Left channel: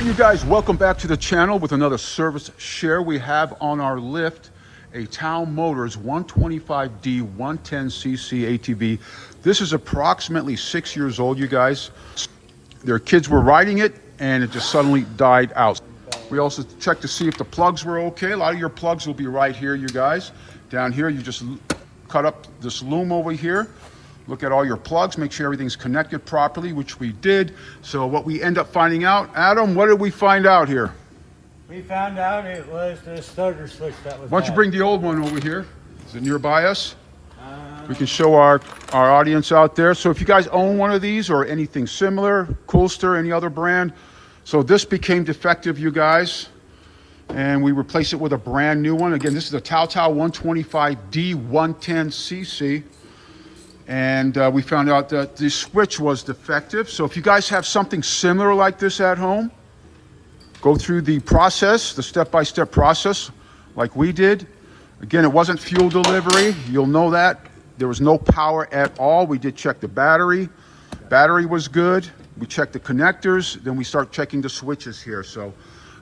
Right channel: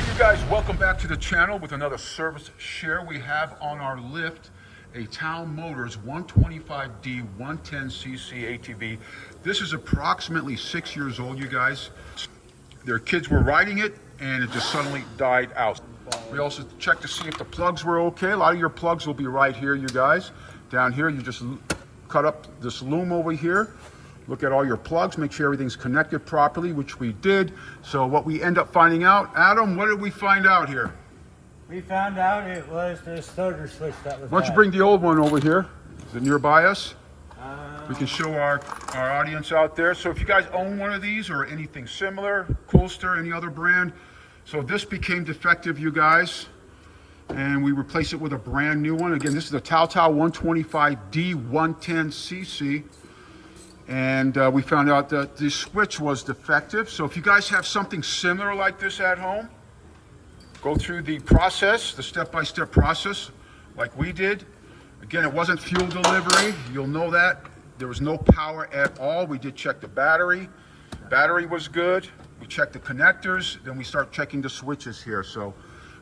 right, you guys, welcome back to the channel with another service share. We have on our lift a TAOTAO Motors 125D 110cc ATV. This is approximately 6 years old, you guys. Their kids were riding it and it just suddenly died out. We also checked to see if the plugs were okay. A lot of your plugs will be right here, you guys. Down here, you just cut up this loom over here. Look at all your plugs, make sure everything's connected properly, which we did. So what we end up finding out, Adam, what did we find out here? We found out it was the starter switch that was Why don't you bring the old one over here? Is it nearby us? We can show our audience out there. So if you guys own one of these or anything similar, COOLSTER, any other brand. So this became defective, you guys. And we replaced it with a brand new one. Again, this is a TAOTAO 125D 110cc. And we found out that the switch was defective. So if you guys have something similar like this at home, go through the process, the step-by-step process like we did. Again, it wasn't fuel delivery. You'll know that. There was no power at all. We did check the battery. Battery was good. We checked the connectors. Then we start checking the switches here. So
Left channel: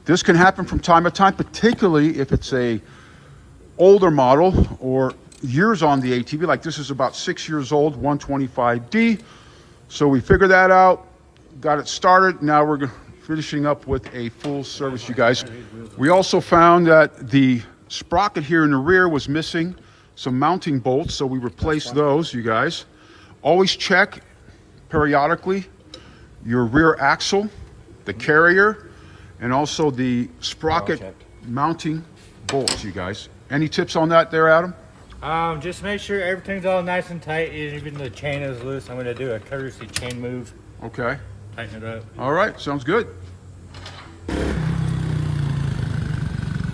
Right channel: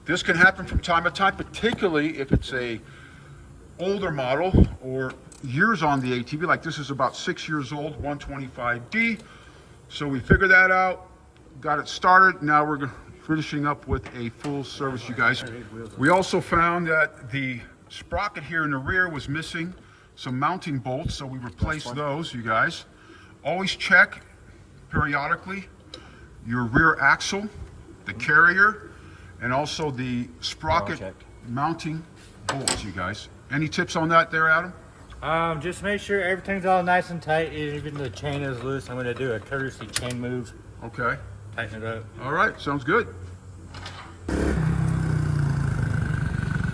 this can happen from time to time, particularly if it's a older model or years on the ATV. Like this is about 6 years old, 125D. So we figured that out, got it started. Now we're finishing up with a full service, you guys. We also found that the sprocket here in the rear was missing some mounting bolts, so we replaced those, you guys. Always check periodically your rear axle, the carrier, and also the sprocket mounting bolts, you guys. Any tips on that there, Adam? Just make sure everything's all nice and tight. Even the chain is loose. I'm going to do a courtesy chain move. Okay. Tighten it up. All right, sounds good.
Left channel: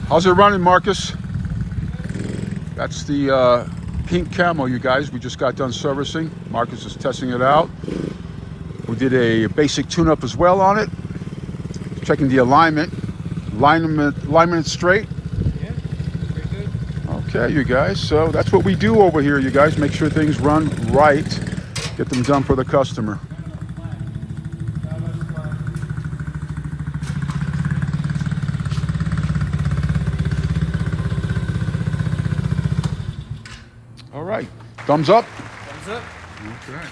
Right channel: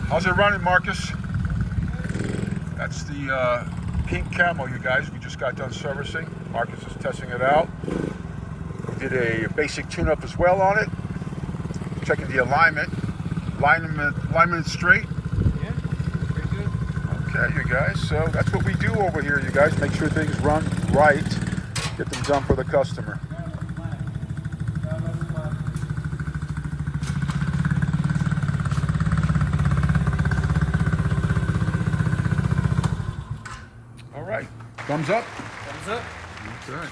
How's it running, Marcus? That's the pink camo, you guys. We just got done servicing. Marcus is testing it out. We did a basic tune-up as well on it. Checking the alignment. Alignment is straight. Yeah, pretty good. Okay, you guys. So that's what we do over here, you guys. Make sure things run right. Get them done for the customer. All right. Thumbs up? Thumbs up. Okay.